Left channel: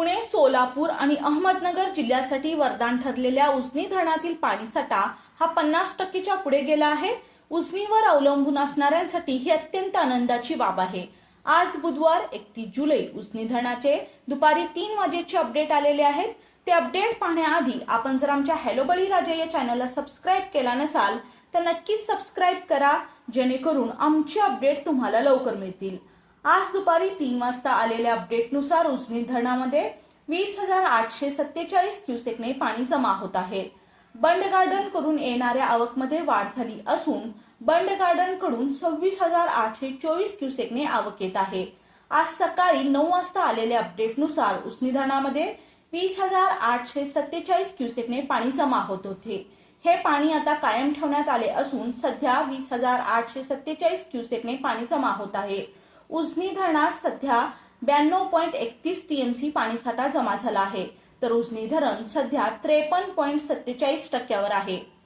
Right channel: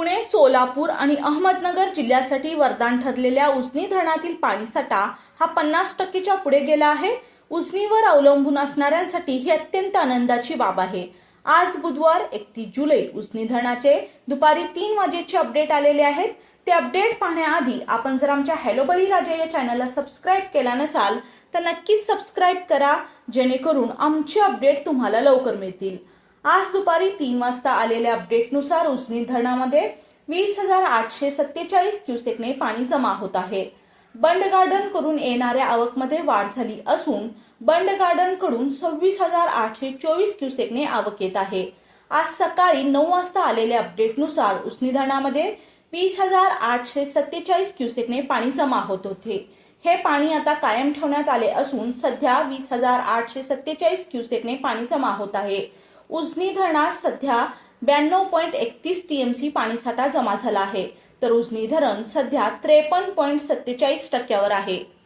पुणे सोलापूर आणि अहमदनगर जिल्ह्यासाठी वरदान ठरलेल्या उजनी धरणातील पाणीसाठा हा पन्नास टक्केच्या पुढे गेला आहे. उजनीवर अवलंबून असणाऱ्यांसाठी ही अत्यंत आनंदाची बाब आहे. आज बुधवार एकतीस जुलै उजनी धरणाचे दुपारी तीन वाजेचे अपडेट आलेले आहेत. ते अपडेट पाहण्याआधी आपण जर आमच्या हॅलो बळीराजा या चॅनलला सबस्क्राईब केला नसाल तर नक्कीच सबस्क्राईब करा जेणेकरून आमचे अपडेट तुम्हाला लवकर मिळतील. आज दुपारी तीन वाजता आलेल्या अपडेटनुसार उजनी धरणामध्ये वीस हजार आठशे सत्तेचाळीस क्युसेकने पाणी जमा होत आहे. बंड गार्डन करून येणाऱ्या आवकमध्ये वाढ झाली असून बंड गार्डनकडून सव्वीस हजार आठशे चोवीस क्युसेकने आवक येत आहे. आज सकाळी नऊ वाजता आलेल्या अपडेटनुसार उजनी धरणामध्ये वीस हजार आठशे सत्तेचाळीस क्युसेकने पाणी जमा होत होते. हे पाणी आता कायम ठेवण्यात आले असून सध्या वीस हजार आठशे सत्तेचाळीस क्युसेकने पाणी जमा होत आहे. उजनी धरणात सध्या ब्याण्णव पॉईंट एकतीस टीएमसी पाणीसाठा जमा झाला आहे. तर उजनी धरण सध्या त्रेपन्न पॉईंट सत्तेचाळीस टक्क्यावर आहे.